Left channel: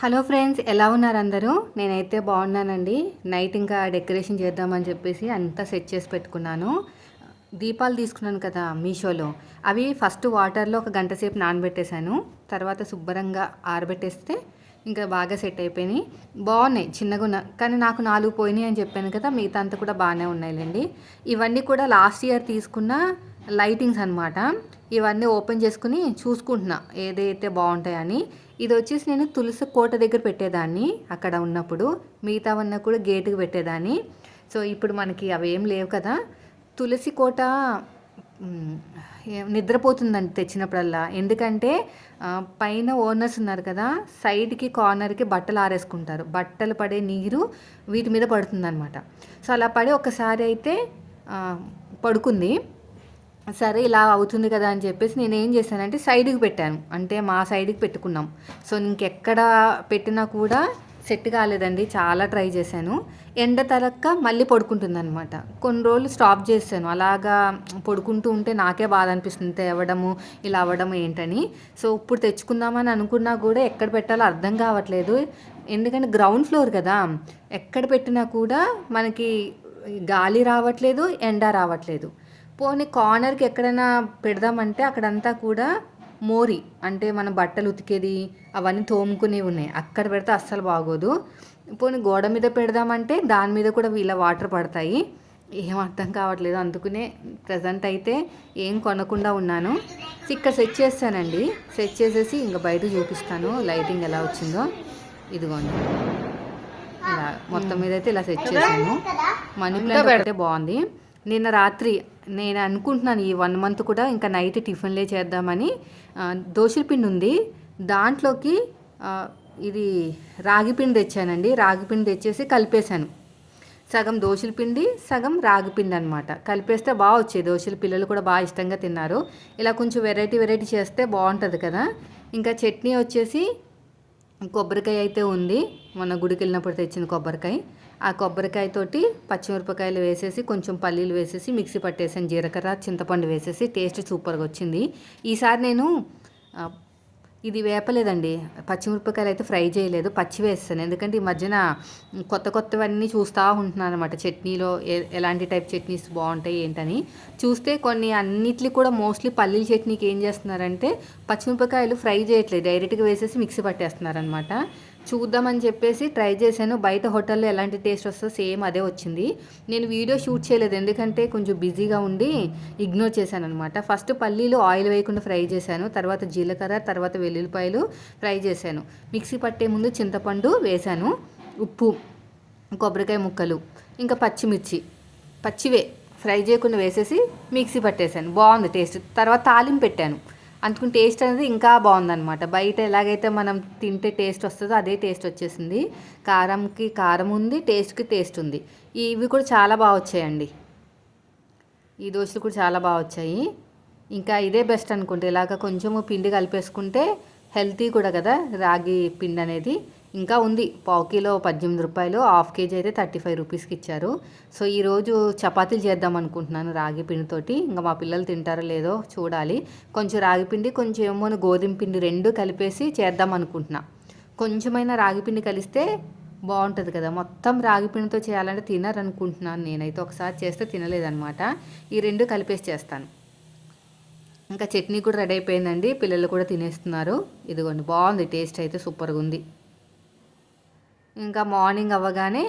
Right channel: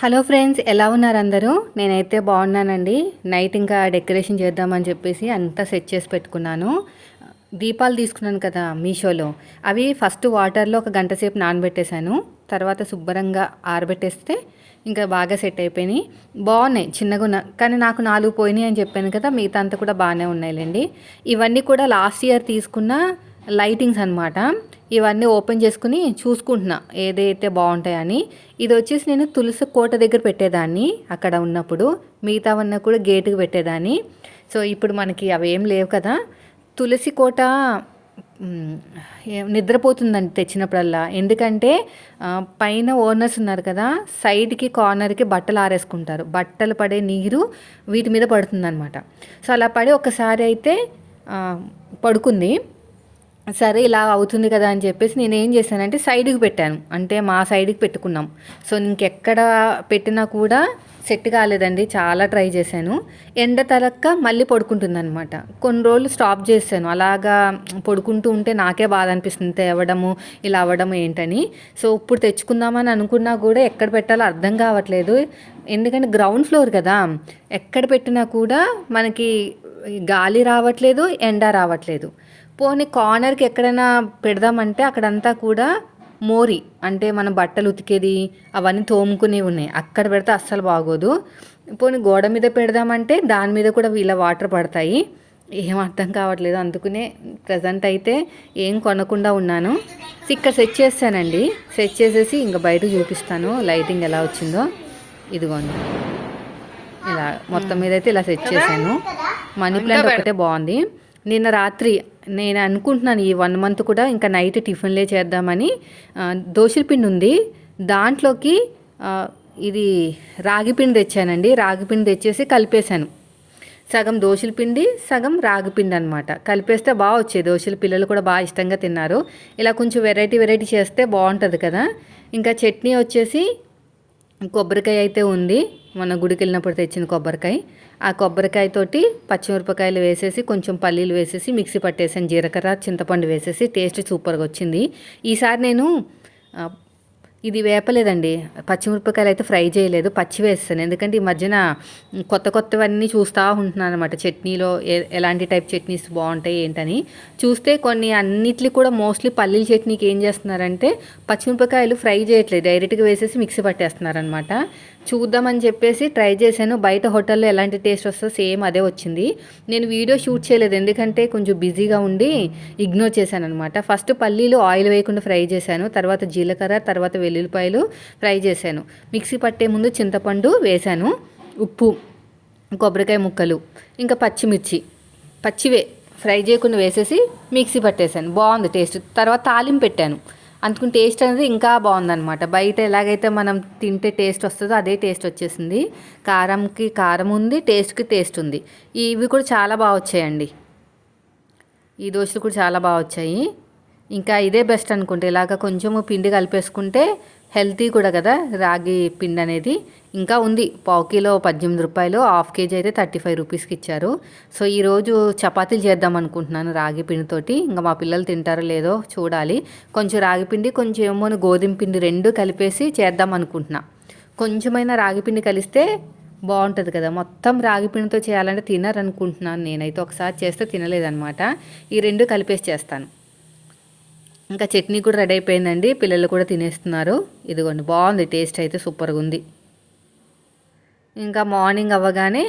Hello friends, ఎలా ఉన్నారు అందరూ? నేనైతే బాగున్నానండి. నైట్ ఇంకా డెకరేషన్ చేద్దామని చెప్పేసి అంతా సెట్ చేసి పెట్టుకున్నాను. దీపాలు తీసుకున్నాను కదా మీషోలో, అవి ఫస్ట్ వాటర్లో ఒక గంట సేపు నానబెట్టేశాను. తర్వాత శుభ్రంగా ఆరబెట్టేస్తే ఇంకా బాగా సెట్ అయిపోయినాయి. బాగున్నాయి, చిన్నగా ఉన్న, కానీ నాకు 4 పోయినాయి అని చెప్పాను కదా, మిగతా అంతా కూడా బాగానే ఉన్నాయిలేండి. ఇవన్నీ కూడా లాస్ట్ ఇయర్ తీసుకున్న లైటింగ్స్ అనమాట. ఇవన్నీ ఓపెన్ చేసుకుని చూసుకుంటున్నా ఏదైతే బాగుంటాయని. ఇది వచ్చేసి నేను తులసి కోట దగ్గర పెట్టేదాన్ని అక్కడ ఉన్నప్పుడు, మిగతావన్నీ కూడా గేటుకు పెట్టేదాన్ని. సో ఇప్పుడు మనకి అవి ఏం లేవు కదా. తులసి కోట నిద్రపోతుందండి తెచ్చినప్పుడల్లా. ఎందుకంటే పైన ఓనర్స్ ఉన్నారు కదా, సైడ్కి కార్నర్కి బట్టలు ఆరేసుకుంటారు. బట్టలు పడే నీరు వీటి మీద పడుతుందన్నమాట. సో అలా పడి ఒకసారి అయితే పడుకుంది. సరే ఇలా అవుతుంది కదా అని చెప్పేసి నేను ఏం చేశానంటే సైడ్కి పెట్టాను, అంటే మా సైడ్కి పెట్టుకున్నాం. సో ఇంకెక్కడ పెట్టినా కూడా సెట్ కాలేదండి, చాలా ట్రై చేశాను. ఎండ తలక్క మళ్ళీ పడుకుంటుంది అనమాట. కొన్ని రోజులు స్టాప్ చేశాను, అలాగా పడుకుంటూ ఉంటే నాకే బాధ అనిపిస్తుంది, తేవడము ఇలా అవ్వడము ఏంటని. సో ఇప్పుడు తెచ్చుకుందామని అనుకున్నా కూడా ఎక్కడ పెట్టాలో అర్థం కావట్లేదు. ఎందుకంటే గ్రౌండ్ ఫ్లోర్ కదా, ఎక్కడ పెట్టినా కూడా మనకి గాలి రావట్లేదు, ఎండ రావట్లేదు. పోనీ కార్నర్కి ఎక్కడైనా పెడదామంటే అక్కడంతా కూడా మోరి, అంటే మనం బట్టలు ఉతికేది అవన్నీ తోముకునేవి ఉన్నాయి, అక్కడ పెడితే అస్సలు బాగోదు. పోనీ గోడ మీద పెడదామంటే దాని మీద కూడా ఇలా వాటర్ పడతాయి. ఏం అర్థం కావట్లేదు, అందుకనే ప్రజెంట్ అయితే ఏం కొనకుండా ఉన్నాను. ఇక్కడ సెట్ చేస్తానండి, సెట్ చేసేసి ఇంకా బయట చూపిస్తాను లైటింగ్ ఎలా వచ్చిందో. ఇదిగోండి, ఇలా మొత్తం మీద అయితే ఇలా సెట్ చేశాను. మనీ ప్లాంట్ ఒకటే బాగుంది. నిన్న రాత్రి నేను అనుకుంటున్నాను ఈ 1 మంత్ కూడా ఇంకా నైట్ టిఫిన్లే చేద్దామని. దోశల పిండి ఉంది, దాంట్లోకి ఇది రాగి పిండి తెచ్చానండి. రాగి పిండి తెచ్చేసి కలిపేశాను. సగం దోశల పిండి, సగం రాగి పిండి అనమాట. కలిపేస్తే బాగా వచ్చాయి దోశలు, పిల్లలు కూడా బాగా ఇష్టంగా తిన్నారు. ఇలా కొంచెం వెరైటీ చేస్తే బాగుంటుంది కదా. ఇంకా చట్నీ వచ్చేసి కొబ్బరికాయ అయితే ఉంది, మొన్న గుడికి వెళ్ళినప్పుడు తెచ్చిన కొబ్బరికాయ. ఆ కొబ్బరికాయతోటి పచ్చిమిరపకాయలు వేసేసి కొంచెం పల్లీలు వేసేసి మిక్సీ పట్టేసాను, జీలకర్ర చింతపండు వేసేసి. టేస్ట్ సూపర్గా వచ్చింది. ఈసారి నేను ఇది వేపలేదండి, పచ్చిమిరపకాయలు అయితే ఫ్రై చేయలేదు, పచ్చి వేస్తాను. ఎందుకంటే ఈ మధ్యన కొత్తవన్నీ చూస్తూ ఉంటున్నాను అనమాట. చట్నీలో ఎలాంటి టైప్ చట్నీస్ బాగుంటాయి ఏంటని చూస్తే కొన్ని అన్నిట్లు కూడా మోస్ట్లీ పల్లీల చట్నీకి ఏం చేస్తున్నారంటే పచ్చిమిరపకాయలు ఫ్రై చేయట్లేదు, డైరెక్ట్గా వేసేసి మిక్సీ పట్టేస్తున్నారనమాట. చూద్దామని చెప్పేసి ట్రై చేశాను. బయట హోటల్లో ఎలాంటి టేస్ట్ వస్తుందో సేమ్ అదే వచ్చింది. నేను వీడియో షూట్ చేయలేదు, ఎందుకంటే కొంచెం బిజీగా ఉండి ఇగ్నోర్ చేశాను అనమాట. ఫస్ట్ పల్లీలు ఆయిల్ వేయకుండా ఫ్రై చేశాను, తర్వాత జీలకర్ర, తర్వాత వెల్లుల్లిపాయలు ఫ్రై చేశాను. మిక్సీ పట్టే ముందు చింతపండు వేశాను, ఉప్పు, కొబ్బరికాయ ముక్కలు, ఇంకా పచ్చిమిర్చి పచ్చివే ఫ్రై చేయకుండా వేసేసి మిక్సీ పట్టేశాను. బాగుంది టేస్ట్. తర్వాత తాలింపు పెట్టాను, అందుకని టేస్ట్ అనేది ఇంకా బాగుందన్నమాట. బయట ఎలాగైతే మనం తింటే టేస్ట్ వస్తుందో అదే టేస్ట్ వచ్చేసింది. కారంకి కారం ఉంది, టేస్ట్కి టేస్ట్ ఉంది. ఇవి కూడా చాలా బాగా వచ్చాయండి, ఈ దోశలు కూడా చాలా బాగా వచ్చాయి. ఇంకా ఇదే బెస్ట్ అనుకుంటే, ఇలాగ కొంచెము పిండి కలిపేసుకుంటే హెల్తీ కూడా కదా రాగి పిండి అనేది. ఇంకా ఉంది, పావు కిలో 18 రూపాయలు, హాఫ్ కేజీ అయితే 35 రూపీస్కి ఇచ్చారు. సో ఈరోజు చపాతీలు చేద్దాం అనుకుంటున్నాను రాగి పిండితోటి. ఇంకా మా పిల్లలు తింటారో లేదో చూడాలి. కొంచెం రాగి పిండి, కొంచెం ఏమో గోధుమ పిండి రెండు కలిపేసి చేద్దాం అనుకుంటున్నా. కొంచెమైనా రాగి పిండి కలిస్తే బాగుంటుంది కదా. మొత్తం రాగి పిండితో చేయాలంటే తినరనుకుంటున్నాను నేనైతే. ఒకసారి చేస్తే తినలేదనమాట. ఈ రెండు కలిపేసి చేస్తాను. ఇంకా చట్నీ కూడా రెడీ అయిపోయిందండి, పిల్లలు కూడా తినేస్తున్నారు. ఇదిగోండి, బాగుంది, టేస్ట్ అయితే సూపర్గా ఉంది. ఇంకా మార్నింగ్ అవ్వగానే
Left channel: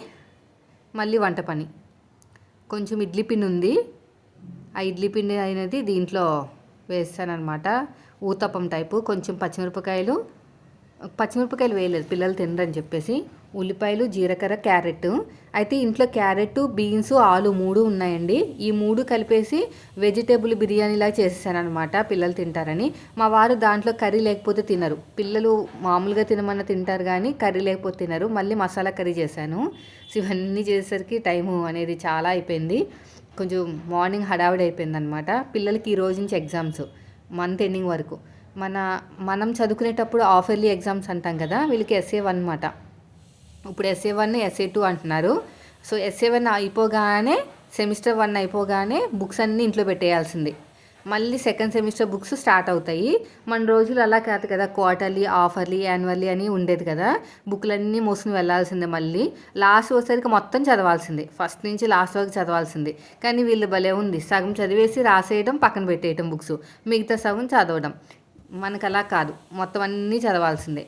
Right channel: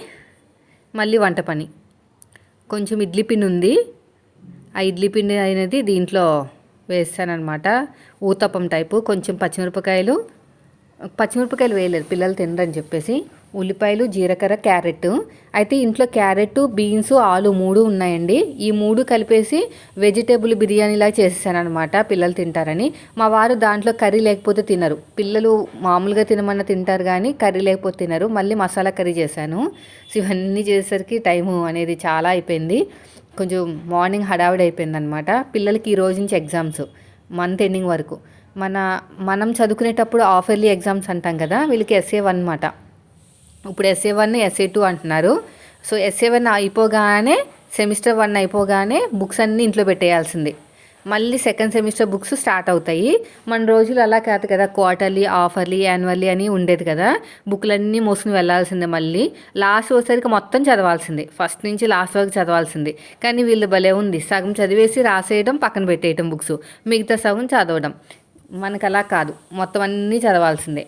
మళ్ళీ వంట పని. కొంచెం ఇడ్లీ పిండి ఉంది, ఆ ఇడ్లీ పిండి అనేది దీంట్లో వేస్తానమాట, ఊతప్పం టైపు. కొంచెం పచ్చిమిరపకాయలు వేయలేదు, పిల్లలు తినరని చెప్పేసి. ఉల్లిపాయలు, జీలకర్ర, క్యారెట్. అయితే ఇంట్లో క్యారెట్, బీన్స్, ఆలు 3 ఉన్నాయండి. ఈ 3 కలిపేసి వెజిటేబుల్ బిర్యానీలా చేసేసాను అనమాట, పిల్లలు తింటారని. మా వారు దాంట్లో కర్రీ లేకపోతే తినరు. పిల్లలు మామూలుగా తినమన్న తింటారు కానీ కర్రీ లేకపోతే తినరు. మళ్ళీ మసాలా కర్రీ చేశాను. సో ఇవన్నీ చేసేసరికి టైము అనేది చాలా అయిపోయింది. కొంచెం మార్నింగ్ హడావిడి అయిపోయింది అనమాట. పిల్లలకి ఈ రోజు నుంచి ఎగ్జామ్స్, మంత్ ఎండింగ్ వరకు. మనం చదువుకునేటప్పుడు హాఫ్ ఇయర్లీ ఎగ్జామ్స్ అంటాం కదా, వీళ్ళకి SA1 అనమాట. ఇప్పుడు SA1, SA2 అంటున్నారు. సో SA1 అయిపోగానే, సెమిస్టర్ 1 అయిపోగానే బుక్స్ అన్నీ ఇంట్లో పెట్టేయాల్సింది. మళ్ళీ సెకండ్ సెమిస్టర్ బుక్స్ స్టార్ట్ అవుతాయి. మన రోజులు అలా కాదు కదా, క్వార్టర్లీ, హాఫర్లీ, యాన్యువల్లీ అని ఉండేది కదా. బుక్లన్నీ మోసుకుని వెళ్ళాల్సిందే, మళ్ళీ లాస్ట్ వచ్చేసరికి మొత్తం చదవాల్సిందే, ఫస్ట్ నుంచి లాస్ట్ వరకు చదవాల్సిందే. కానీ వీళ్ళు భలే ఉంది, సగం చదివేసి రాసేయడం, పక్కన పెట్టేయడం బుక్స్, మిగతా సగం చదవడం. మనకు అలా కాదు, మొత్తం అన్నీ చదవాల్సిందే.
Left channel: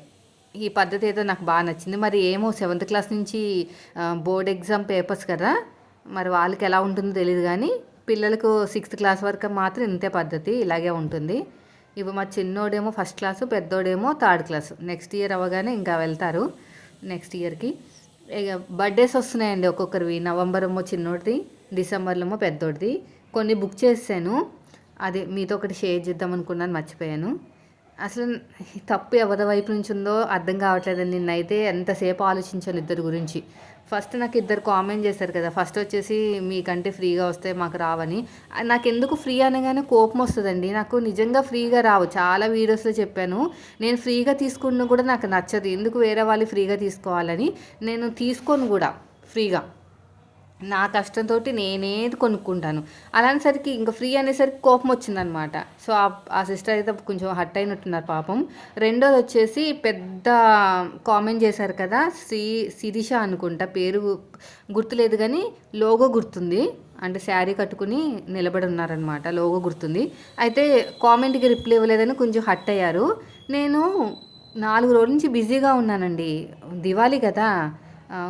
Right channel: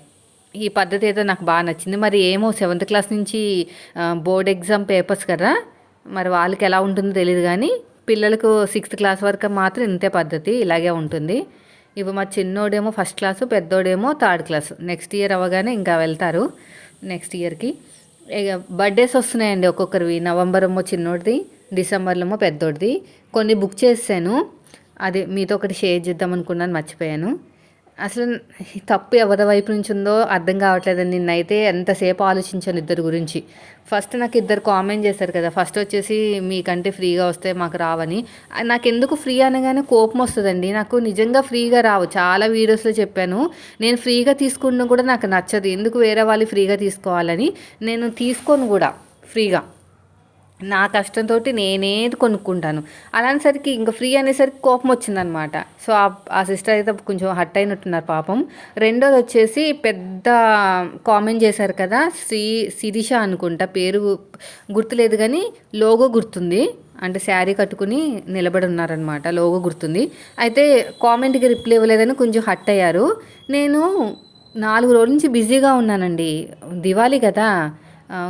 ఈ పద్ధతి అయితే నాకు బాగా నచ్చింది. మరి ఏమో 7th క్లాస్ నుంచి బోర్డ్ ఎగ్జామ్ పేపర్స్ కదా, మరి వాళ్ళకి ఎలా ఉంటుందో తెలియదు, కానీ పిల్లలకు 6th క్లాస్ వరకు మాత్రం ఇంతే పద్ధతి, ఇలాగే ఉంటుంది. ఇప్పుడు మా చిన్నోడేమో ఫస్ట్ క్లాసు, పెద్దోడేమో 3rd క్లాసు. నెక్స్ట్ ఇయర్ అవ్వగానే ఇంకా వెళ్తారు నెక్స్ట్ ఇయర్కి. ఇక బర్త్డేస్ వస్తున్నాయండి ఒక్కొక్కరివి. నవంబర్ ఏమో చిన్నోడిది, డిసెంబర్లో ఏమో పెద్దోడిది. కొన్ని బుక్ చేసాను, అది మీతో ఒకటి షేర్ చేద్దాం అనుకున్నాను, మర్చిపోయాను. అసలు తప్పు ఎవరి వైపు నుంచి ఉందో అర్థం కావట్లేదండి. నిన్నైతే ఎంతసేపు ఆలోచించాను ఇద్దరు గురించి. ఫస్ట్ నాకు ఇద్దరు కామెంట్ చేశారు కదా, ఫస్ట్ వచ్చేసి మీకంటే ఫ్రీగా వస్తే మాకు రావని. నాకు ఎందుకు ఫ్రీ అనగానే కోపం వస్తుందండి. నాకు నిజంగా ఫ్రీగా రావు, చాలా వీడియోస్లో చెప్పాను. నేను ఫ్రీగా తీసుకున్న కూడా నాకు నచ్చదు, ఎందుకు వేరే వాళ్ళు ఫ్రీగా తీసుకోవాలని నేను తీసుకోను కూడా ఫ్రీగా. నా కష్టంతో నేనేది కొనుక్కుంటాను. అలానేసరికి ఇంకా ఫ్రీ అనేసరికి కోపం వచ్చిందనమాట. సో ఆ సిస్టర్ అయితే కొంచెం హట్ అయినట్టున్నారు పాపం. రెండోది వచ్చేసి పెద్ద కామెంట్ చేశారు కదా, శిరీష అనుకుంటా, పేరు గుర్తులేదు కానీ లోగో గుర్తుంది. అంటే శారీ కట్టుకుని నిలబడి ఉన్నారనమాట, లోగో గుర్తుంది. అయితే కామెంట్కి రిప్లై ఇవ్వలేదని కొంచెం హట్ అయ్యారు. నేను 4 రోజుల నుంచి బిజీగా ఉన్నానండి. దివాళీ కదా,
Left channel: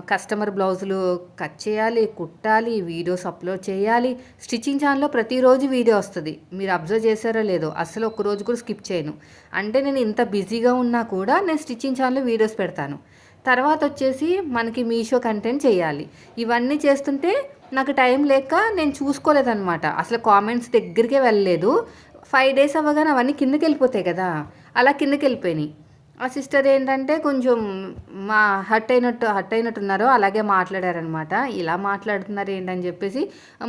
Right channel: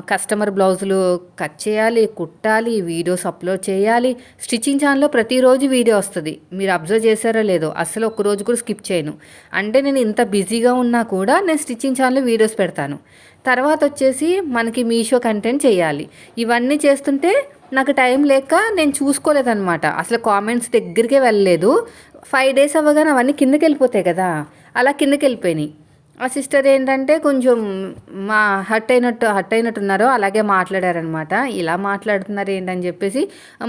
కస్టమర్ బ్లౌజులు కట్ చేయాలి, కుట్టాలి, వీడియోస్ అప్లోడ్ చేయాలి. స్టిచ్చింగ్ ఛానల్లో ప్రతిరోజు వీడియో వస్తుంది, మీరు అబ్జర్వ్ చేశారో లేదో, అసలు ఒక్కరోజు కూడా స్కిప్ చేయను. అంటే నేను ఇంత బిజీగా ఉన్నా కూడా నేను స్టిచ్చింగ్ ఛానల్లో వీడియోస్ పెడతాను. తర్వాత వచ్చేసి మనకి మీషో కంటెంట్ చేయాలి. ఇవన్నీ చేస్తుంటే నాకు టైం లేక నేను చూసుకోలేదన్నమాట. అసలు కామెంట్స్ దగ్గరికే వెళ్ళలేదు. 5 days అవ్వగానే అవన్నీ కిందకి వెళ్ళిపోతాయి కదా, అలా కిందకి వెళ్ళిపోయినాయి. ఆ సిస్టర్ ఏంటంటే కొంచెం మా హట్ అయినట్టున్నారో అలాగే మాట్లాడారనమాట. ఇలా మాట్లాడుతున్నారు ఏంటని చెప్పేసి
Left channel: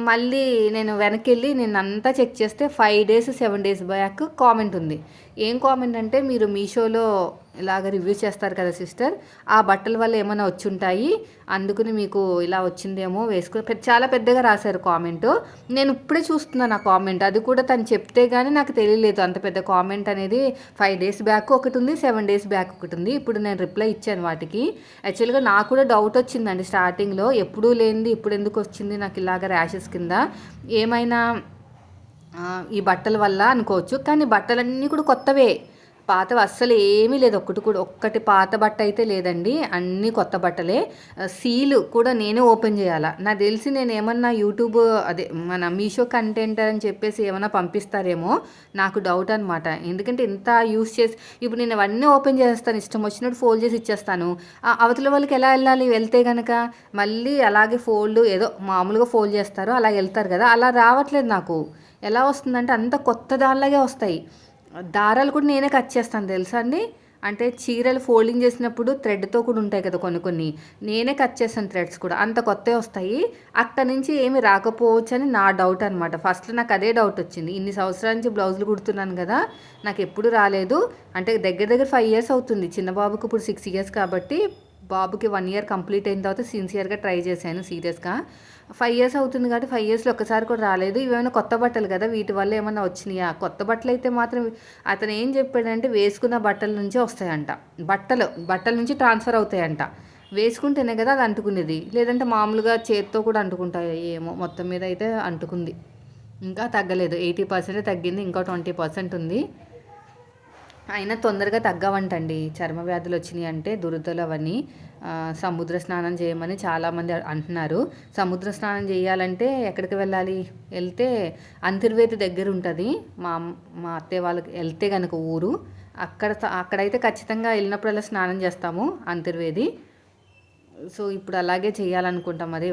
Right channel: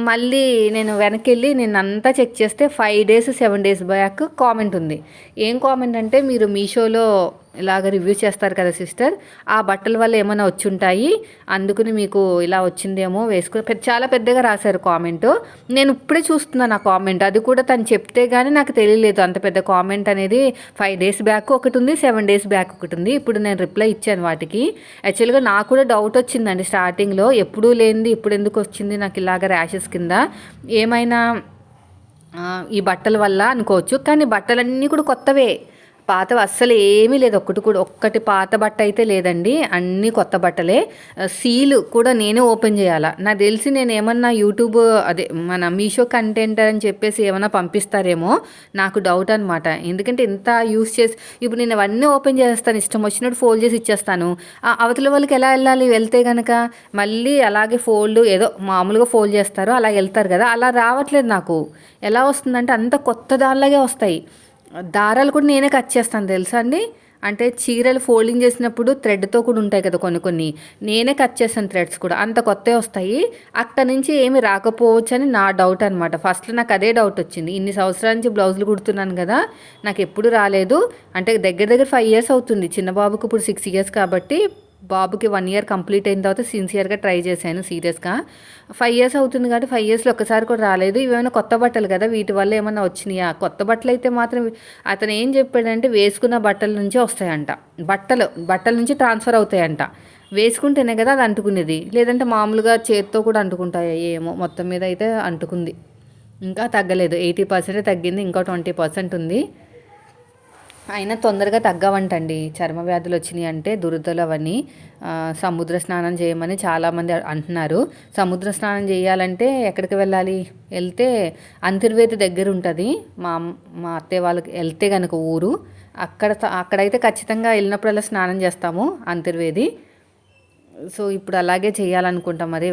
మళ్ళీ నేను వెనక్కి వెళ్ళి అంతా చెక్ చేస్తే 5 days 7 days బ్యాక్ కామెంట్ ఉంది. ఏం కామెంట్ అంటే, మీరు మీషోలో ఇలాగ రివ్యూ చేస్తారు కదా సిస్టర్, ఆ బట్టల వల్ల ఏమైనా వచ్చి ఉంటాయి, అందుకని మీకు ఇలా వచ్చిందేమో వేసుకుని చాలా పెద్దగా రాశారు కామెంట్. నేను ఇప్పుడే చూస్తున్నాను ఆ కామెంట్, అది కూడా తను చెప్తే కానీ నాకు తెలియలేదు అంత పెద్ద కామెంట్ అనేది. 5 days బ్యాక్ ఒకటి ఉంది, 7 days బ్యాక్ ఒకటి ఉంది. ఇప్పుడు నేను రిప్లై ఇచ్చాను వాటికి. యాక్చువల్గా నాకు కూడా డౌట్ వచ్చిందండి స్టార్టింగ్లో, ఎప్పుడూ లేనిది ఇప్పుడు ఎందుకు వచ్చింది నాకు ఇలాగ ర్యాషెస్ కింద, ఏమైనా ఈ బట్టల వల్ల అనుకోవచ్చు. కానీ బట్టలన్నీ కూడా కొత్తవే, పాతవి అస్సలు ఏమీ లేదు. ఒక్కటి పాత బట్ట అయితే లేదండి, అన్నీ కొత్త బట్టలే. సీలు కూడా నేనే ఓపెన్ చేయాలా. నాకు తెలిసి నేను ఏమన్నా యూట్యూబ్ అదే మన మీషో కంటెంట్ అని చెప్పేసి ఏమన్నా పంపిస్తారేమో, నాకు డౌట్ అనమాట. ఎందుకంటే ఇంత యూస్ చేసి ఇప్పుడు నేను అవన్నీ ఓపెన్ చేస్తాను, ఇష్టం వచ్చినట్టు ఫోల్డ్ చేసి ఇచ్చేస్తాను. అవతల వాళ్ళకి ఎలా వెళ్ళాలి, వెళ్తే కనుక మళ్ళీ అలాగే ఫోల్డ్ ఏదో మామూలుగా ఫోల్డ్ చేస్తారు, అలా వెళ్తారు కదా, అలా రావట్లేదు నాకు. ఎలా వస్తుందంటే అంత కొత్త దానిలాగే వస్తాయి. దారాలు కూడా నేనే కట్ చేస్తాను తెలుసా అండి. అంటే చీరలు ఫోల్డింగ్ చేసినప్పుడు థ్రెడ్తో కూడా ఉంటాయి కదా కొన్ని, నేనే కట్ చేస్తాను థ్రెడ్స్ కూడా, అంత కొత్తవి వస్తాయి. అక్కడి నుంచి ఏమి రాకపోవచ్చు అని నా డౌట్ అనమాట. ఫస్ట్లో నాకు అదే డౌట్ వచ్చింది. ఇన్ని సంవత్సరాల నుంచి బ్లౌజులు కుడుతున్నాను కదా, నాకు ఎప్పుడు రాలేదు. అంటే దగ్గర 5 years అవుతుంది, చిన్న బాబుకి ఇప్పుడు 6 years కాబట్టి బాబుకి 1 year కంప్లీట్ అయిన తర్వాత సిన్సియర్గా ట్రై చేశాను సీరియస్గా. 5 years అవుతుంది కాబట్టి 5 yearsలో ఒక్కసారి కూడా రాలేదు. ఇవేమైనా కొత్త బట్టలు కదా, వీటి వల్ల ఏమైనా వచ్చినాయా? కొత్త బట్టలు అయితే మాత్రం అతను ఏం చెప్పాడంటే వేసుకున్న బట్టల నుంచే వస్తాయంట, బట్టల నుంచి ట్రాన్స్ఫర్ అవుతాయంట. వేసుకుంటేనే కదా అది అంటుకునేది, లేదంటే మామూలుగా చేత్తో కూడా అంటుకుంటాయి ఏమో. మొత్తం మీద అయితే అంటుకుంది, ఇంకా తగ్గలేదు. 80% తగ్గింది, ఇంకా 20% ఉంది. అయినా తొందరగా తగ్గవంటండి చర్మ వ్యాధులు వచ్చినాయి అంటే, దురదలు అవన్నీ. సముద్ర స్నానం చేయమని చాలామంది అంటున్నారు. సముద్ర స్నానం చేయాలంటే ఎక్కడికి వెళ్ళాలి, వెళ్తే అంతర్వేది దగ్గర ఉంటుంది, మా అత్తయ్య వాళ్ళకి వెళ్తే కనుక ఊరు, అక్కడైతే ఖచ్చితంగా వెళ్ళినప్పుడల్లా స్నానం చేస్తాము అంతర్వేది. సో ఇప్పుడు అలాగే చేయాలనుకుంటాం, మరి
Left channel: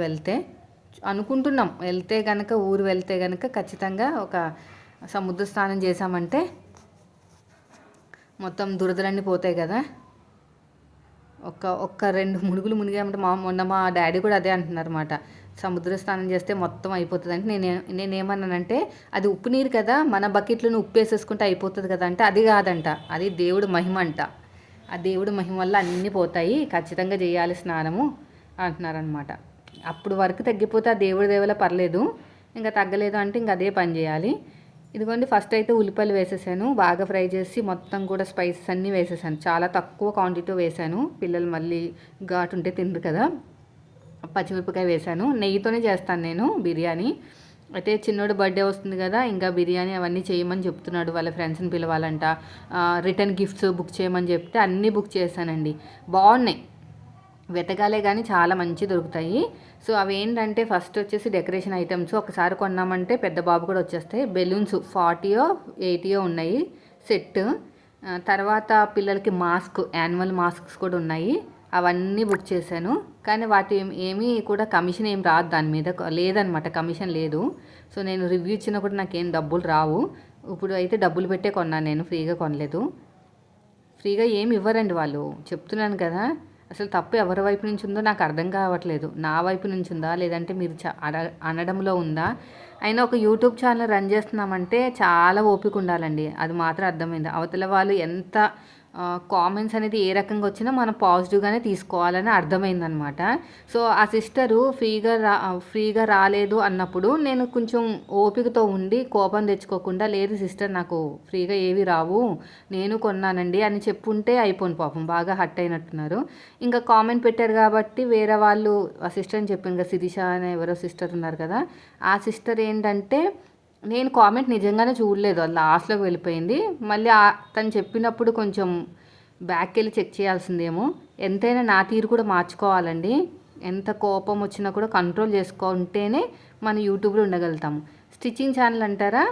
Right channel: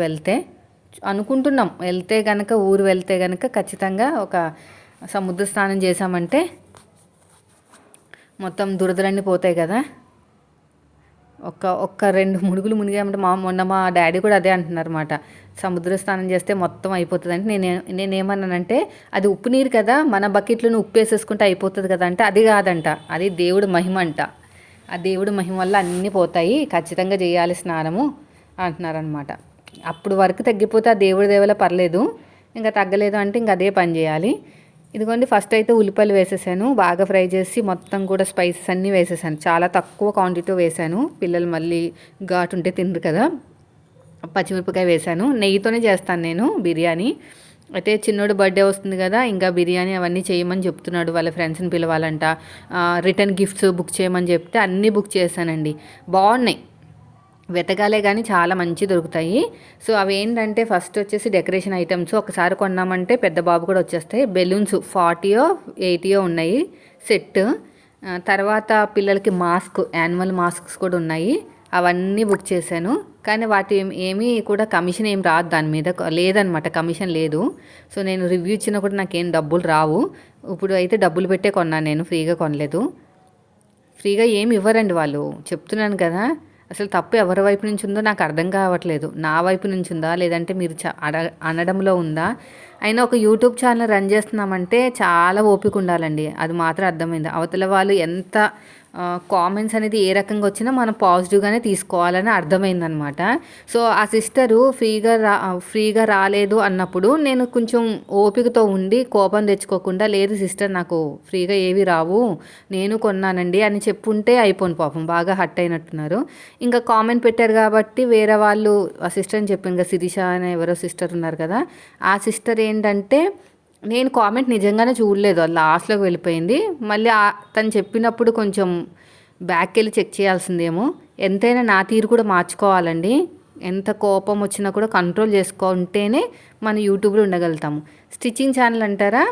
అనుకుంటున్నాం వెళ్తే కనుక, ఊరు వెళ్తే కనుక ఖచ్చితంగా ఒక సముద్ర స్నానం చేసామంటే మొత్తం దురదలన్నీ పోతాయి కదా. ఒక్క 2 మునుగులు మునిగామంటే మొన్న మా డాడీ కూడా అదే అంటున్నారు అన్నమాట, సముద్ర స్నానం చేస్తే మొత్తం అయిపోతుంది అంటే. నేనేమన్నానంటే, అది ఉప్పు నీరు కదా, మన బకెట్లను ఉప్పు వేసేసుకుంటే అయిపోతుంది కదా అంటే, అది కాదంట, అది దేవుడు మహిమ అంట. ఆ దేవుడు మహిమ వల్ల అన్నీ పోతాయి, ఖచ్చితంగా చేయాలి స్నానము అంటున్నారనమాట. అప్పుడు వరకు తగ్గిపోతే ఆ దేవుడి దేవల పర్లేదు, ఇంకా తగ్గలేదు అంటే ఇంక అదే పని చేయాలి. ఇదిగోండి ఫస్ట్ అయితే ఉల్లిపాయలు వేసేసాను. బాగా ఫ్రై చేసి మొత్తం కూడా స్పైసెస్ అన్నీ వేసేసాను. చాలా తక్కువ క్వాంటిటీ వేసాను. పిల్లలు మళ్ళీ ఘాటు ఉంటే తినరు కదా. పచ్చిమిరపకాయ వేసాను. నెయ్యితోనే చేస్తాను నేను బిర్యానీ. అయితే చిన్నోడు బర్త్డే వస్తుంది కదా, ఇంకా బిర్యానీ అవన్నీ చేయమని చెప్తున్నాడు. వాళ్ళ ఫ్రెండ్స్ని పిలవాలంట. రిటర్న్ గిఫ్ట్స్ బుక్ చేయమని చెప్తే అన్నీ బుక్ చేశానండి. బాగున్నాయి, వెతకాలే కానీ చాలా మంచి దొరుకుతాయి. సో అవి ఏంటంటే ఫస్ట్ వచ్చేసి డెకరేషన్ ఐటమ్స్ ఒకసారి కొన్నామంటే పెద్ద బాబు కూడా వచ్చేస్తాయి. బెలూన్స్ 40 80 ఉన్నాయి సెట్. తర్వాత పిల్లలకి మాస్క్, యాన్యువల్ మాస్క్స్ కూడా ఉన్నాయి. అవన్నీ బుక్ చేశాను. కానీ వాటి ఏమీ కూడా కమిషన్ ఏం రాదు, దాని మీద లేదనమాట, కమిషన్ లేదు. సో నేను రివ్యూ ఇచ్చినా కూడా నాకేం డబ్బులు రావు. ఇప్పుడు అయితే డబ్బులు పెట్టే కొన్నాను, నేను ఫ్రీగా కొనలేదు. ఫ్రీగా ఏమి ఇవ్వరండి వాళ్ళు, చెప్తున్నాను కదా. అసలు తప్పు ఎవరి వైపు నుంచి ఉందో నాకు అర్థం కావట్లేదు. నా వైపు నుంచి ఉందా, లేదంటే మీరు అనడంలో ఉందా? అయినా ఒక యూట్యూబ్ ఛానల్ రన్ చేస్తున్నామంటే చాలా ఓపిక ఉండాలండి, అది మాత్రం అర్థమైంది. అవతల వాళ్ళు ఎంత కామెంట్స్ అనేది ఏ రకంగా వచ్చినా మనం పాజిటివ్గానే తీసుకోవాలని అర్థమైందనమాట. సో ఆ సిస్టరు ఫ్రీగా రాలేదు అన్నప్పుడు నేను కొంచెం ఓపికతో ఉండి కోపం తెచ్చుకోకుండా, లేదు సిస్టర్ నాకు ఫ్రీగా ఏవి రావు, నేను కొన్నానండి అని చెప్పుంటే అయిపోను. పాపం బాగా హట్ అయినట్టున్నారు. ఇంకా కామెంట్ పెట్టారు కాబట్టి వేరే వాళ్ళు ఆ సిస్టర్ అని చెప్పి, ఇంకా శిరీష అనే ఎవరో సిస్టర్ ఉన్నారు కదా, ఆ సిస్టర్ ఏంటంటే నేను కామెంట్ నిజంగానే చూడలేదు, అది లాస్ట్లోకి వెళ్ళిపోయింది. మళ్ళీ తను చెప్పినప్పుడు కొంచెం బ్యాక్ వెళ్ళి చెక్ చేయాల్సిందేమో. ఎంతైనా నా తీరు కూడా మార్చుకోవాలండి. ఎంత కోపం వచ్చినా కూడా కంట్రోల్ చేసుకుంటేనే మనం యూట్యూబ్లో ఉండగలుగుతాము. స్టిచ్చింగ్ ఛానల్ అంటారా,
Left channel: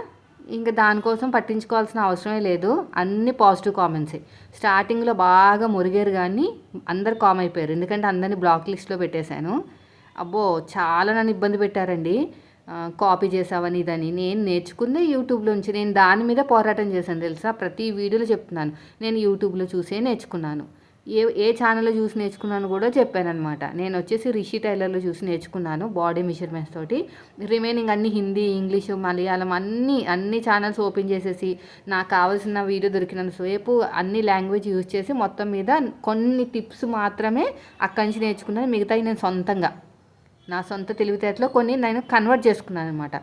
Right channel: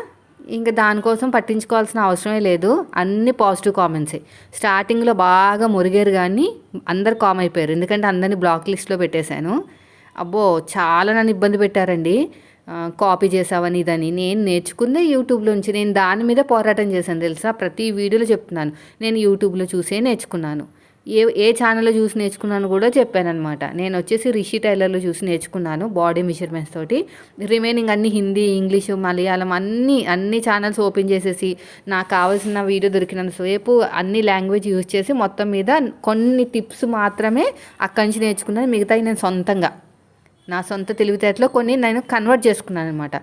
ఇంకా దానికోసం పట్టించుకోవాల్సిన అవసరమే లేదు. అన్ని పాజిటివ్ కామెంట్సే. స్టార్టింగ్లో బాగా మురిగారు కానీ అందరు కామ్ అయిపోయారు, ఎందుకంటే అందరినీ బ్లాక్ లిస్ట్లో పెట్టేశాను. అబ్బో చాలా నన్ను ఇబ్బంది పెట్టారండి. కాపీ చేసావని ఇదని. నేను నేర్చుకుందే యూట్యూబ్లోంచి, నేను దాని మీద పోరాటం చేశాను తెలుసా. ప్రతి వీడియోలో చెప్తున్నాను, నేను యూట్యూబ్లో చూసే నేర్చుకున్నాను. ఏ ఛానల్లో చూసి నేర్చుకున్నాను కూడా చెప్పాను అనమాట. నేను వచ్చేసి రిషి టైలర్లో చూసి నేర్చుకున్నాను బాడీ మెజర్మెంట్స్ తోటి. రిమైనింగ్ అన్ని హిందీ, ఇంగ్లీషు, మలయాళం అన్ని ఛానల్స్ ఓపెన్ చేసేసి నాకు కావాల్సిన వీడియో దొరికినంత సేపు అన్ని లాంగ్వేజ్ యూజ్ చేసి మొత్తం మీద కొన్ని టిప్స్ మాత్రమే అక్కడి నుంచి నేర్చుకున్నాను. మిగతాయి నేను సొంతంగా నా సొంత తెలివితేటలో కొన్ని నేను కన్వర్ట్ చేసుకున్నాను అనమాట.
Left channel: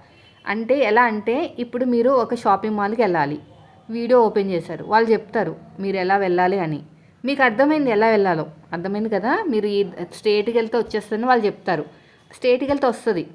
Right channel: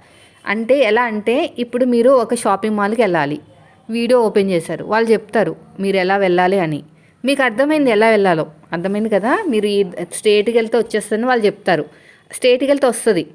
అంటే ఎలా అంటే, ఇప్పుడు మీరు ఒక షాపింగ్ మాల్కి వెళ్ళాలి, వీడియో ఓపెన్ చేశారు, వాళ్ళు చెప్తారు మీరు ఎలా వెళ్ళాలి అని. మీకు అర్థమైంది ఎలా వెళ్ళాలో, అర్థమైంది కదా. మీరు ఈ స్ట్రేట్కి వెళ్తే వచ్చేస్తుందని వాళ్ళు చెప్తారు, స్ట్రేట్కి వెళ్తే వస్తుంది,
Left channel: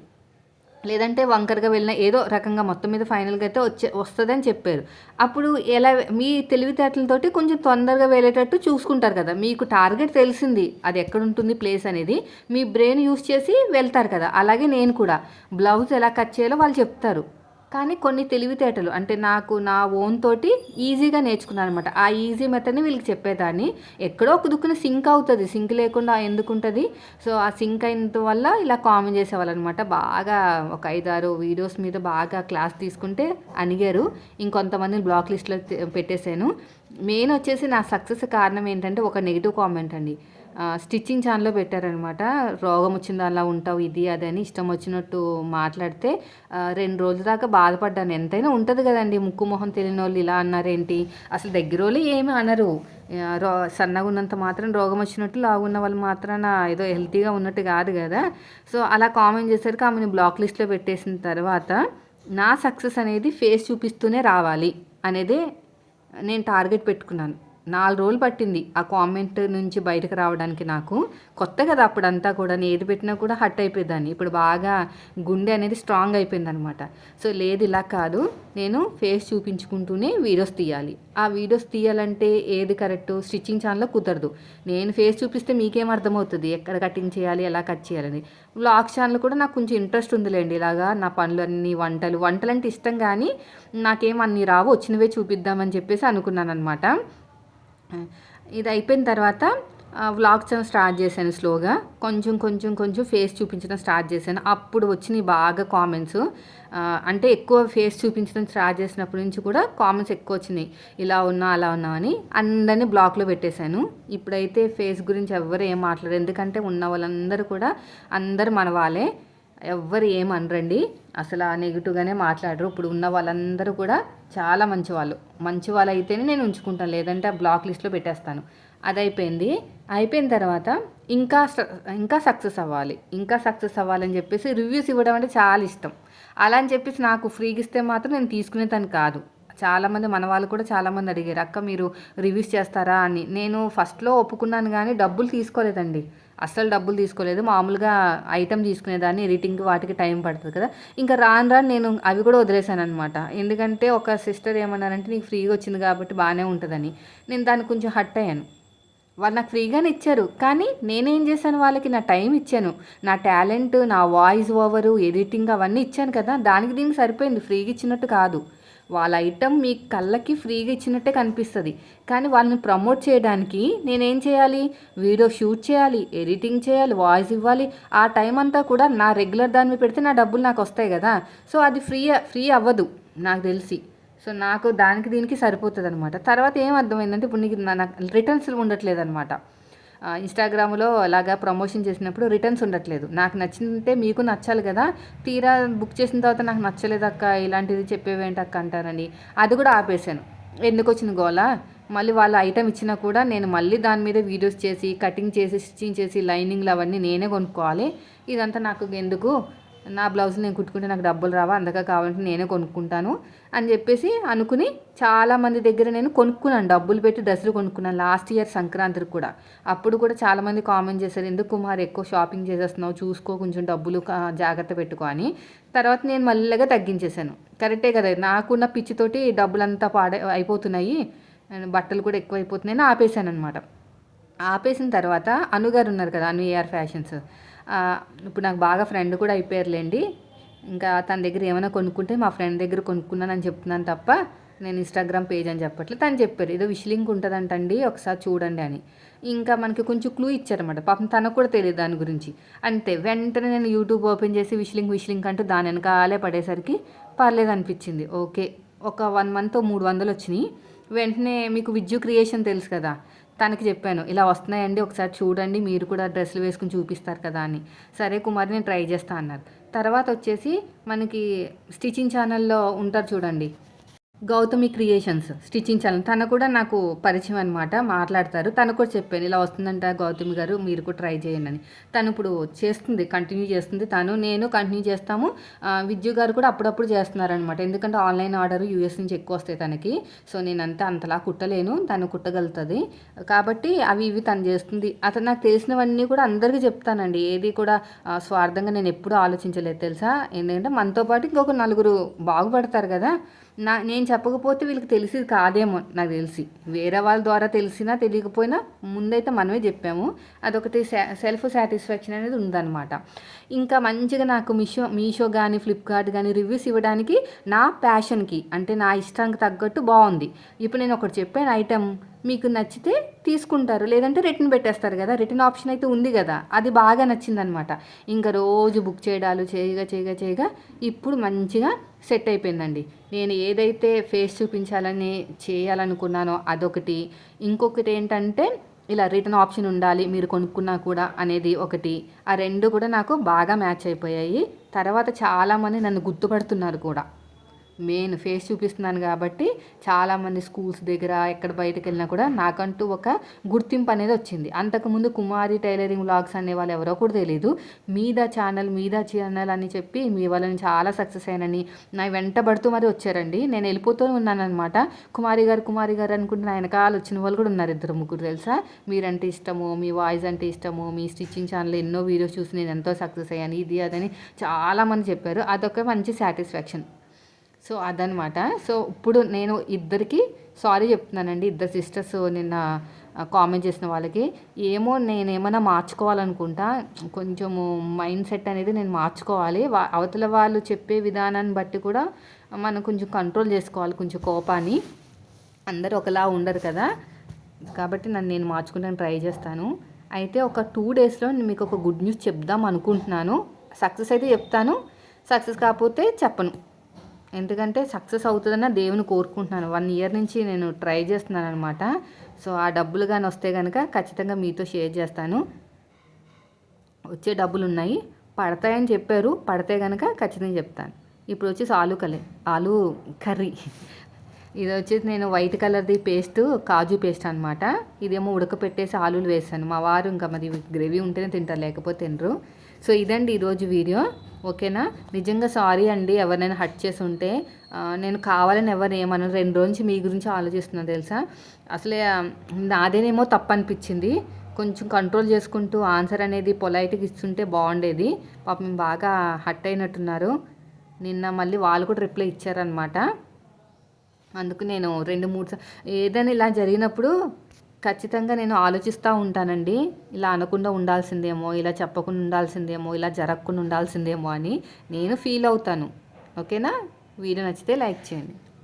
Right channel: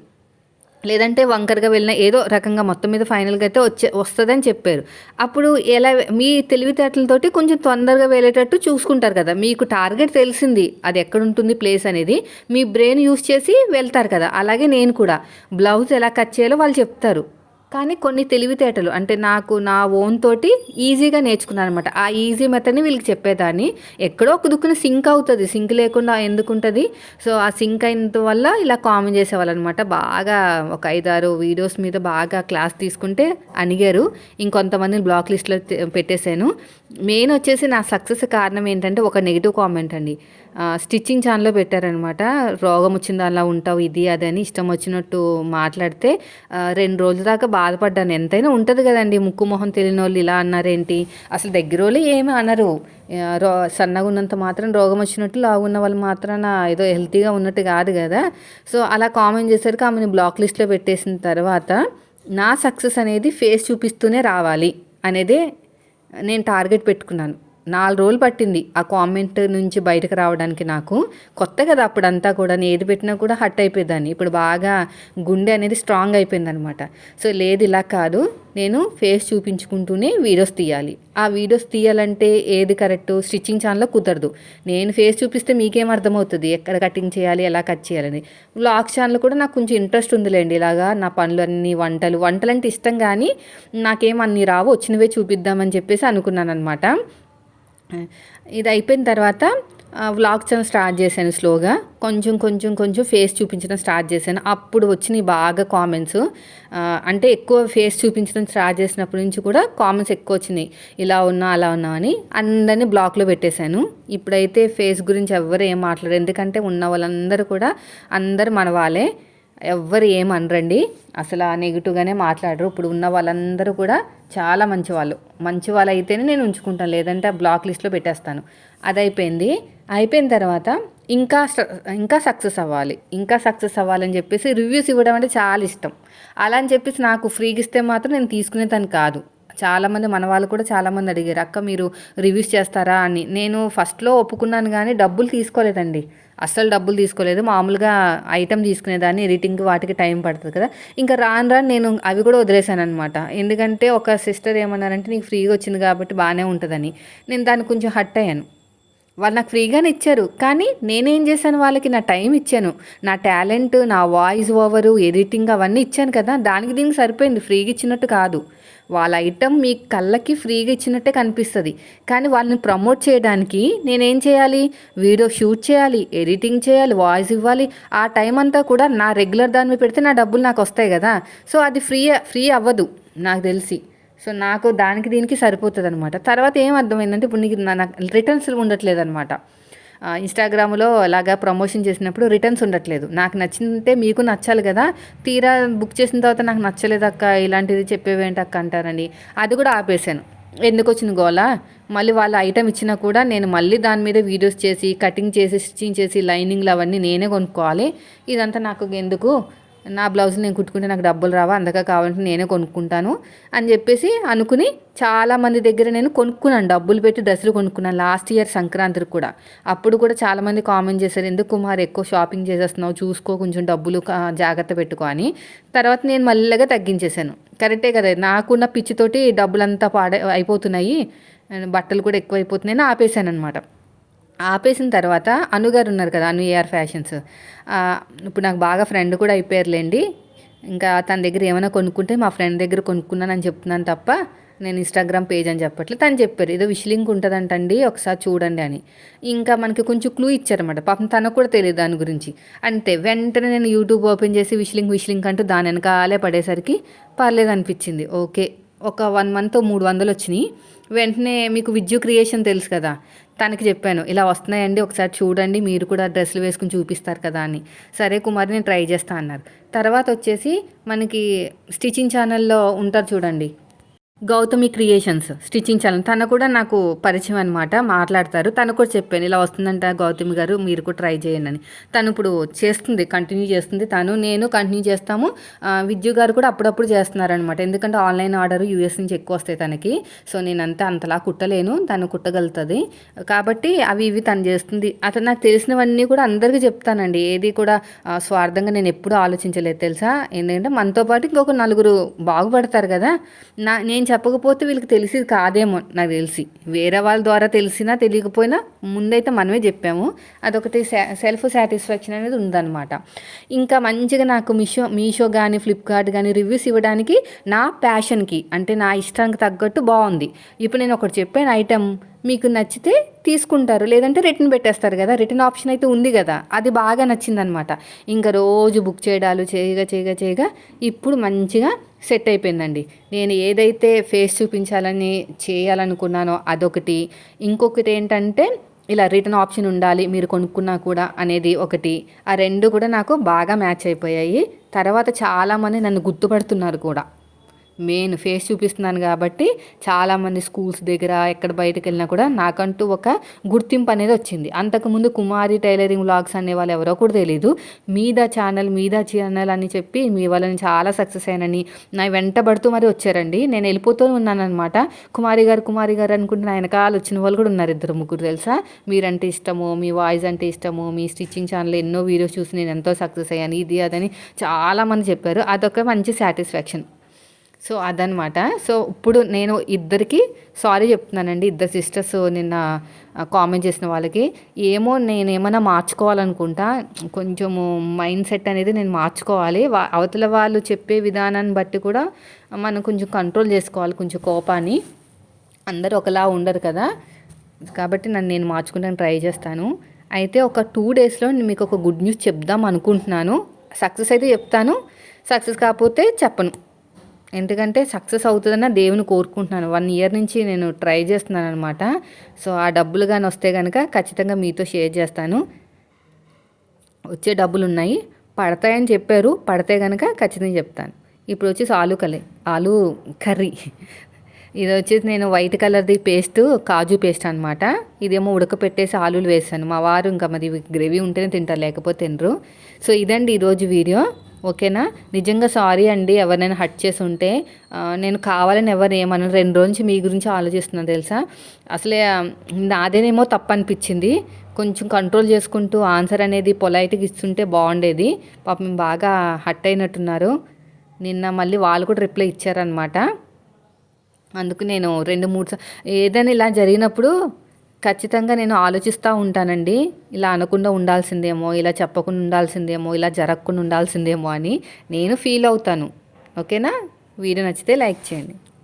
లేదంటే వంకరగా వెళ్ళిన ఏదో రకంగా మొత్తం మీద ఫైనల్గా అయితే వస్తుందని చెప్పారు. అప్పుడు ఎలా మీ తెలివితేటలతోటి కొంచెం తొందరగా వెళ్ళేటట్టు చూసుకుంటారు కదా. మీకు టార్గెట్ తెలిసింది, అది ఎక్కడ ఉంటుంది ప్లేస్ అనేది, మీ బ్రెయిన్ యూస్ చేసి వెళ్తారు కదా. అలాగే నేను కూడా బ్లౌజ్ ఎలా కట్ చేయాలో వాళ్ళు చెప్తారు, కానీ కొన్ని తెలివితేటలు అంటే నాకు నా ఓన్ తోటి ఈజీగా నేర్చుకున్నాను అనమాట. ఆ ఈజీ మెథడ్ని వీళ్ళకి చెప్పేదాన్ని. ఎక్కడో ఒక దుక్కున సింక్ అవుతుంది, సింక్ లేకుండా ఎందుకు ఉంటుంది. సో ఆ సింక్ అయినంత వల్ల ఇలా కామెంట్ చేసేవాళ్ళు అనమాట. బాగా ఒక 5-6 వీడియోస్ మీద బాగా క్లాస్ తీసుకుంటే అడిగారు. ఇంకొంతమందిని బ్లాక్ లిస్ట్లో పెట్టేశాను. మెయిన్ వచ్చేసి నా సక్సెస్ కారణం ఏంటంటే ఒక నెగిటివ్ కామెంట్ అండి. స్టిచ్చింగ్ ఛానల్లో పెట్టారనమాట. రోగం వచ్చింది అలా ఉంటావు ఇది అదని ఇష్టం వచ్చినట్టు మాట్లాడితే 2 రోజుల దాకా బాధపడ్డాను. ఎంతైనా ఉంటుంది కదండి, ముక్కు మొహం తెలియని వాళ్ళు ఇలా అన్నారేంటి. అసలు దగ్గర వాళ్ళు ఏమి అనరు. సన్నగా ఉన్నంత మాత్రం రోగం వచ్చినట్టు, లావున్న వాళ్ళు మాత్రాన ఏదో హెల్తీగా ఉన్నట్టు కాదు కదా. సో అలా కామెంట్ చేసరికి ఆమెను బ్లాక్ లిస్ట్లో పెట్టేసిన తర్వాత నా సక్సెస్ అనేది ఫేస్ చూపిస్తూనే రావాలి అనేదే నేను టార్గెట్ పెట్టుకున్నాను. 4 రోజులు పట్టింది ఆ కామెంట్ నుంచి బయటకు రావడానికి. నాకు కొత్త కదా అప్పుడంతా కూడా, ఏది పెట్టినా కూడా హట్ అయిపోయేదాన్ని. ఇప్పుడు బాగా గుండె అనేది స్ట్రాంగ్ అయిపోయింది అనమాట. సో లేదు ఇలా కాదు, నేను ఫేస్ చూపించుకుంటూనే వీడియోస్ తీయాలి. ఆ వీడియోస్ తీయాలంటే ఏది కరెక్ట్, స్టిచ్చింగ్ ఛానల్లో కుదరదు. నేను ఫేస్ చూపిస్తే మీకేం అర్థమవుతుంది ఎక్కడ కటింగ్ చేయాలి, ఎలా కట్ చేయాలని. వ్లాగ్ ఛానల్ కూడా నాకు కొంచెం ఇంట్రెస్ట్ ఉందిలేండి. ఇలాగా నా పనులన్నీ వంటలు అంటే ఇష్టం, కానీ నాకేం అన్నీ రావు, వచ్చినవే చూపిద్దామని చెప్పేసి అనుకున్నాను అనమాట. ఇది అయిపోయిన తర్వాత వ్లాగ్ ఛానల్ స్టార్ట్ చేశాను స్లోగా. కొంచెం ఫేస్ చూపించడం స్టార్ట్ చేశాను. అప్పుడు వచ్చినాయి బాగా కామెంట్స్. అంటే ఎక్కువ ఫేస్ చూపించడం స్టార్ట్ చేసినప్పటి నుంచి కూడా కామెంట్స్ ఎక్కువ వచ్చినాయి, ఇలా ఉన్నా అలా ఉన్నా అని. అందరినీ బ్లాక్లో పెట్టేశాను. ఇప్పుడైతే ఫేస్ గురించి ఎవ్వరు ఏం మాట్లాడరు, ఎందుకంటే ఉన్న వాళ్ళందరూ కూడా అందరు మన వాళ్ళే, ఎవ్వరు ఏమనరండి. అసలు ఆ నెగిటివ్గానే మాట్లాడరు. ఇప్పుడు ఉన్న వాళ్ళందరూ కూడా చాలా మంచి వాళ్ళు అయితేనే నేను ఉంచుకుంటాను, లేదంటే బ్లాక్ లిస్ట్లో పెట్టేస్తాను. అది అయిపోయింది. అయిపోయిన తర్వాత ఇంకా ఇంకా సక్సెస్ అవ్వాలని చెప్పేసి రివ్యూస్ ఇవ్వడం అంటే చాలా ఇష్టం. అలా అని చెప్పేసి నాకు ఫ్రీగా ఇస్తే మాత్రం నేను తీసుకునేదాన్ని కాదు. చాలామంది మన వాళ్ళు కూడా చాలామంది అడిగారు, అక్క మీరు రివ్యూస్ చేస్తారా అని. నేను ఫస్ట్‌లో ఒప్పుకున్నాను గానీ డబ్బులు తీసుకోలేదండి. అస్సలు డబ్బులు తీసుకోలేదు. మామూలుగా ఐటెమ్ తీసుకునేదాన్ని. ఎడిటింగ్ వాటికి టైం పడతది కదా! ఇంకా రాను రాను నేను అవి కూడా వదిలేసాననమాట. ఎందుకంటే ఒక సిస్టర్ ఏమన్నారంటే, "నీకు ఫ్రీగా వచ్చింది కాబట్టి బానే ఉంటదని." నేను దానికి కొంచెం హర్ట్ అయ్యాను. వాళ్ళు నాకు ఫ్రీగానే ఇచ్చారు. కానీ నేనేం చేశాను, వాళ్ళకి నా టైం ఇచ్చాను. నా టాలెంట్, నా వాయిస్ ఓవరు, ఎడిటింగ్ అవన్నీ ఇచ్చాను కదా! దానికి దీనికి సరిపోయింది. ఫ్రీగా ఇచ్చినట్టు కాదు. వాళ్ళ ఐటెమ్ మీ కళ్ళకి ఫ్రీగా ఇచ్చినట్టే కనిపిస్తది. కానీ వాళ్ళని ప్రమోట్ చేయడానికి నేనేం చేయాలి? వీడియో షూట్ చేయాలి, ఎడిటింగ్ చేయాలి, వాయిస్ ఇవ్వాలి. ఆ టైం అంతా కూడా నా రెగ్యులర్ దాని మీద పెడితే నా డబ్బులు నాకొస్తాయి గదా! సో, అది ఫ్రీ అవ్వదు నాకు తెలిసి. సో, నాకు దానికి దీనికి సరిపోతదనమాట. తర్వాత ఏం అర్థమైందంటే, ఇప్పుడు నీకు నాకు రిటర్న్స్ ఉండట్లేదనమాట. ఇన్‌స్టాగ్రామ్‌లో అలాగా ప్రమోషన్ చేసినప్పుడు రిటర్న్స్ ఉండట్లేదు. నాకు నచ్చింటే మీకు నచ్చాలి గదా! తీరా బుక్ చేసిన తర్వాత నాకు నచ్చలేదక్క, ఇలాంటిది చెప్పేవేంటక్క అంటారని అది కూడా ఆపేసాను. ఎందుకొచ్చిన గోల? మళ్ళీ వాళ్ళ ఐటెమ్ ఇచ్చినా కూడా నేను మళ్ళీ దాని మీద వీడియోస్ చేసి, కటింగ్ చేసి, స్టిచ్చింగ్ చేసి, లైనింగ్‌లు అవన్నీ నేనే కొనుక్కోవాలి. ఇదంతా నాకు ఎందుకు? నా బ్లౌజ్ నేను కుట్టుకుంటే నాకు డబ్బులు రావా? అందుకే కావాలంటే నేనే కొనుక్కుంటాను అని చెప్పేసి అనుకుని చాలామంది దగ్గర నేను కొనుక్కున్నాను. డబ్బులు పెట్టి డ్రెస్సులు కొనుక్కున్నాను. లాస్ట్ ఇయర్ సంక్రాంతికి కూడా. అప్పుడు కూడా చాలామంది కామెంట్ చేశారు, ఎందుకు కుమార్ ఎక్కువ షాపింగ్ చేసేస్తున్నావు, చూసుకో కొంచెం డబ్బులు జాగ్రత్త పెట్టుకో అని. తర్వాత నేను మెల్లగా తగ్గించేశాను. కరెక్టే కదా! నాకున్న పిచ్చితోటి డబ్బులంతా అయిపోతున్నాయి, బట్టలు కూడా ఎక్కువైపోతున్నాయని ఆపేశాననమాట. ఆపేసిన తర్వాత అనుగారు ఉన్నారు కదా, అను ఏఆర్ ఫ్యాషన్స్. ఇప్పుడు నాకు బాగా ఫ్రెండ్ కూడా అయిపోయారులేండి. ఇంకా తన దగ్గర ఏమైనా కొనుక్కుంటే మా ఫ్రెండ్ దగ్గర కొనుక్కున్నానని చెప్తున్నాను తప్ప నేను ఇన్స్టాగ్రామ్ పేజ్ అని చెప్పట్లేదు. తను చెప్పారు, ఏదో విష్ లింక్ ఉంటుందంటండి, ఒకసారి చూడండి అని. ఇంకా మనకి కొంచెం క్లూ ఇచ్చారన్నమాట. పాపం తనకు కూడా తెలియదు దాని గురించి. అంతే వెంటనే నేను యూట్యూబ్ ఓపెన్ చేసి విష్ లింక్ అంటూ దాని వెనకాలే పడేసరికి పర్లేదు అనిపించింది. ఓకే, ఒక 1 మంత్ 300 వచ్చినాయి. వెంటనే మీకు విజ్జు క్రియేషన్ తెలుసు కదా, తనకి చెప్పాను, ఇలా వస్తున్నాయండి ఒకసారి చూడండి, మీరు కూడా డ్రెస్సులు వేసుకుని చూపిస్తారు కదా అని. సరే కుమారి నేను ట్రై చేస్తా అన్నారు. తర్వాత వచ్చేసి మనకి స్టిచ్చింగ్ ఛానల్లో ఉంటారు చూడండి, గౌతమి క్రియేషన్స్ స్టిచ్చింగ్ ఛానల్. తను కూడా నాకు పరిచయం అనమాట, మాట్లాడతారు. తను కూడా చెప్పాను, ఇలా వస్తుందంట గౌతమి గారు, మీరు కూడా ట్రై చేయండి అని. తను ఇప్పుడు చేస్తుంది, కంటిన్యూ చేస్తుంది. నేను కంటిన్యూ చేస్తాము. విద్యు గారు కూడా అప్పుడప్పుడు చేస్తున్నారనమాట. ఎందుకంటే ఆన్లైన్ ఆర్డర్ యూఎస్ నుంచి ఎక్కువ వస్తాయి తనకి. సో నేనంతా అంతలా కుట్టలేను, తను కుట్టగలుగుతుంది కాబట్టి అవి ఇవి తను చేస్తుంది. అతను నాకు తెలిసినవన్నీ కూడా అందరికీ చెప్తానండి. ఏది కూడా స్వార్థంగా నేను ఎప్పుడూ ఆలోచించలేదు తెలుసా. ఎందుకంటే మనతో పాటు ఇంకొక నలుగురు బాగుపడతారు కదా. నేను చెప్పకపోతే వీళ్ళకి తెలిసేది కాదేమో నాకు తెలిసి. వేరే వాళ్ళ ద్వారా తెలిసినా తెలియకపోయినా ముందైతే మనమే చెప్పాము. అదొకటి సెల్ఫ్ సాటిస్ఫాక్షన్ అనేది ఉందన్నమాట. ఇంకా మంచిగా నాకు మీషో కానీ ఫ్లిప్కార్ట్ కానీ రివ్యూస్ ఇవ్వడానికి నా ప్యాషన్కి, అంటే నా ఇష్టానికి తగ్గట్టు బాగుంది. ఇప్పుడు నేను ఒకటి చెప్పాను ఐటెం, మీకు నచ్చితే తీసుకుంటారు, లేదంటే రిటర్న్ పెట్టేస్తారు కదా. రిటర్న్ ఆప్షన్ అయితే ఉంది కదా, అది బాగా నచ్చిందనమాట. ఇంకా రోజు బుక్ చేయడాలు చేయగా ఇప్పుడు మంచిగా సెట్ అయిపోయిందండి. నేను ఏదైతే ఫేస్ చూపించాలని చేయాలనుకున్నానో అదొకటి, ఇంకొకటి ఏంటంటే ఇలా రిటర్న్ ఆప్షన్ ఉండాలి మీరు కొనుక్కున్నా కూడా అనేది ఒకటి. ఆ రెండు కూడా నాకు బాగా మ్యాచ్ అయిపోయాయి. తర్వాత చాలామంది నన్ను గుర్తుపడుతున్నారు కూడా. మెయిన్ ఫేస్ చూపిస్తున్నాను కాబట్టి చాలామంది స్కూల్స్ దగ్గర ఎక్కడ బయటకు వెళ్ళినా కూడా నాకంటూ ఒక గుర్తింపు అనేది వచ్చింది. అంతకుముందు కుమారి టైలరింగ్ వ్లాగ్స్ అనేవాళ్ళు ఎవరో కూడా తెలియదు. మీద ఛానల్ అని చెప్పి మీ వాళ్ళని చాలా సక్సెస్ అయినని నా వెంటబడుతూ మరి వచ్చారండి. నేను వెళ్ళిపోతూ ఉన్నానన్నమాట. కుమారి గారు అనుకుంటే నా వెనకాల వచ్చిన వాళ్ళు కూడా ఉన్నారు, 2-3 తెలుసా. మీరంటే ఇష్టము, మీ వాయిస్ అంటే ఇష్టము, మీ స్టిచ్చింగ్ ఛానల్ ఎన్నో వీడియోస్ చూసి నేను ఎంతో సక్సెస్ అయ్యాను, ఇది అదని చాలామంది చెప్పారు. అదొక మంచి సాటిస్ఫాక్షన్. సో అదనమాట. సో ఇప్పుడు నేను ఇద్దరికి సారీ చెప్తున్నానండి, ఇద్దరు సిస్టర్స్ నిన్న కామెంట్ చేసిన వాళ్ళకి. ఏమో నేనేమైనా మార్చుకోవాలనుకుంటా, కొంచెము మైండ్ సెట్ అనేది నేను మార్చుకోవాలి. అవతల వాళ్ళు చెప్పే విధానాన్ని బట్టి కూడా మనం కొంచెం కంట్రోల్ చేసుకోవాలి కొంచెం కోపాన్ని. అందరూ ఒకలా ఉండరు కదా, కాబట్టి నేను మార్చుకుంటాను ట్రై చేస్తాను. అయితే ఒక 2 డేస్లో మీకు ఒక గుడ్ న్యూస్ చెప్దాం అనుకుంటున్నాను. సక్సెస్ అయితే చెప్తాను, సక్సెస్ కాకపోతే చెప్పను. ఎందుకంటే సక్సెస్ అవుతుందన్న దేవుని కోరుకుంటున్నాను. 1 ఇయర్ నుంచి నేను ట్రై చేస్తున్నాను అనమాట. సో ఆ డబ్బులు కానీ వస్తే కనుక ఖచ్చితంగా మీతో షేర్ చేస్తాను. వచ్చే డబ్బులు ఉన్నాయి, పడతాయని చెప్పారు, పడితే కనుక ఖచ్చితంగా చెప్తాను. ఇప్పుడు వచ్చేసి ఆలు కర్రీ. ఇది వచ్చేసి నేను వైట్ కలర్ది పేస్ట్, కాజు పేస్ట్ అనమాట. ఇదేమో ఉడకపెట్టేసి ఆలులు వేసాను. మా వారు ఇంకా మరి గ్రేవీ ఉంటేనే తింటారు, లేకపోతే తినరు. సో ఇదండి ఈరోజు వీడియో. ఓకేనా. నిజంగా సారీ అండి ఎవరినైనా హర్ట్ చేసి ఉంటే. నేను కావాలని ఎవరు ఏమన్నా 2 రోజు నుంచి మీ గురించి ఆలోచిస్తున్నాను తెలుసా. అసలే నాదేనేమో తప్పు అనిపించింది. కొంచెం కంట్రోల్ చేసుకుంటూ ఆన్సర్ అనేది పొలైట్గా ఇస్తుంటే బాగుండేది. పాపం బాగా హర్ట్ అయినట్టున్నారు. నిన్న మళ్ళీ వాళ్ళు కూడా రిప్లై ఇచ్చారనమాట. అందుకు నేను 2-3 ఏదైనా ఇలా జరిగినప్పుడు ఖచ్చితంగా నేను ఆలోచిస్తూ ఉంటానండి. ఇలా అనకుండా ఉండాల్సిందేమో, ఇలా చెప్పకుండా ఉండాల్సిందేమో, ఇలా జరగకుండా ఉండాల్సిందేమో అని నేను ఫీల్ అవుతాను. ఓకేనా. వీడియో నచ్చితే లైక్ చేయండి.